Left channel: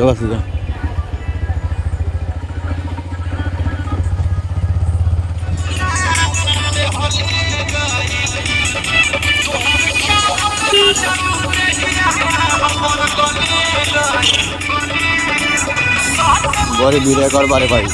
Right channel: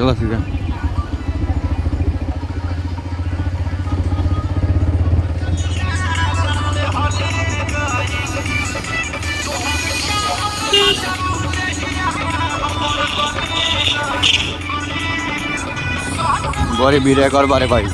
चलो सीधा। बड़ी भीड़ एक और बारे भाई।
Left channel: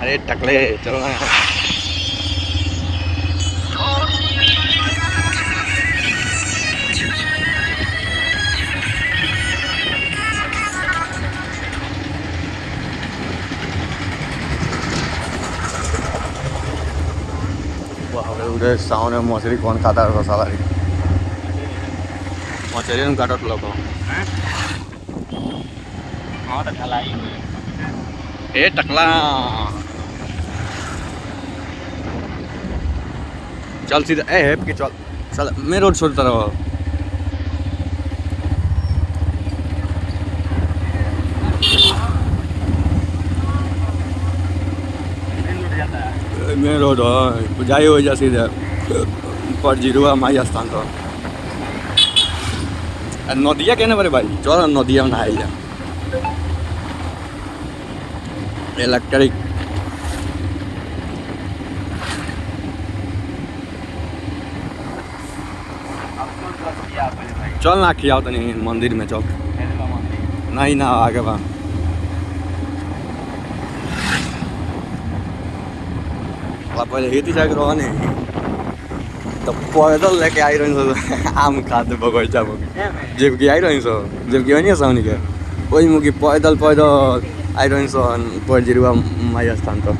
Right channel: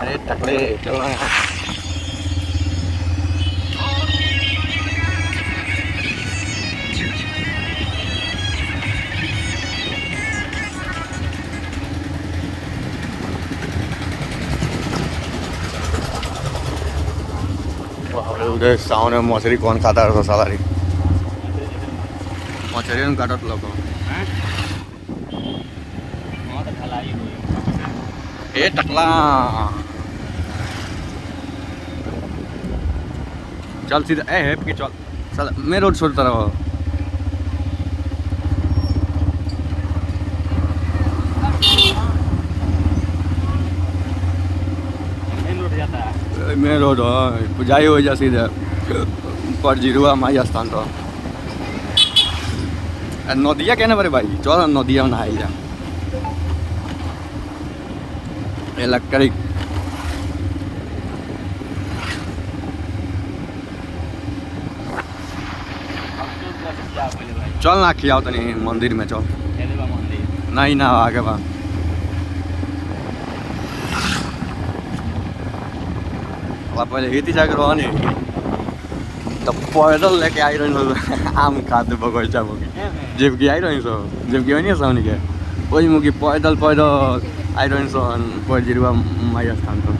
अरे टकले चलो ना। उधर सामने मछली कौन खाता है सालारी मछली में काटत लोग ए टकला चल सीधा ए हेप के चल साला मैं रोड छोड़ता रहो। मेन रोड हो जाई हो जा सीधा पर जीरुआ माई स्थान तो नदिया केना बरे भाई चल नदिया में नहाई जा इलेक्ट्रिक चल ना खियाओ तनी मंदिर में चल नहीं ना आगे बा पहले हेती जाके रहने तो पैदल लेके आई रही आम खाते बगैचा में जबकि आई रही जबकि होइन साउनी के वही मुखी पैदल पैदल आई रही पर जिरुआ माई स्थान तो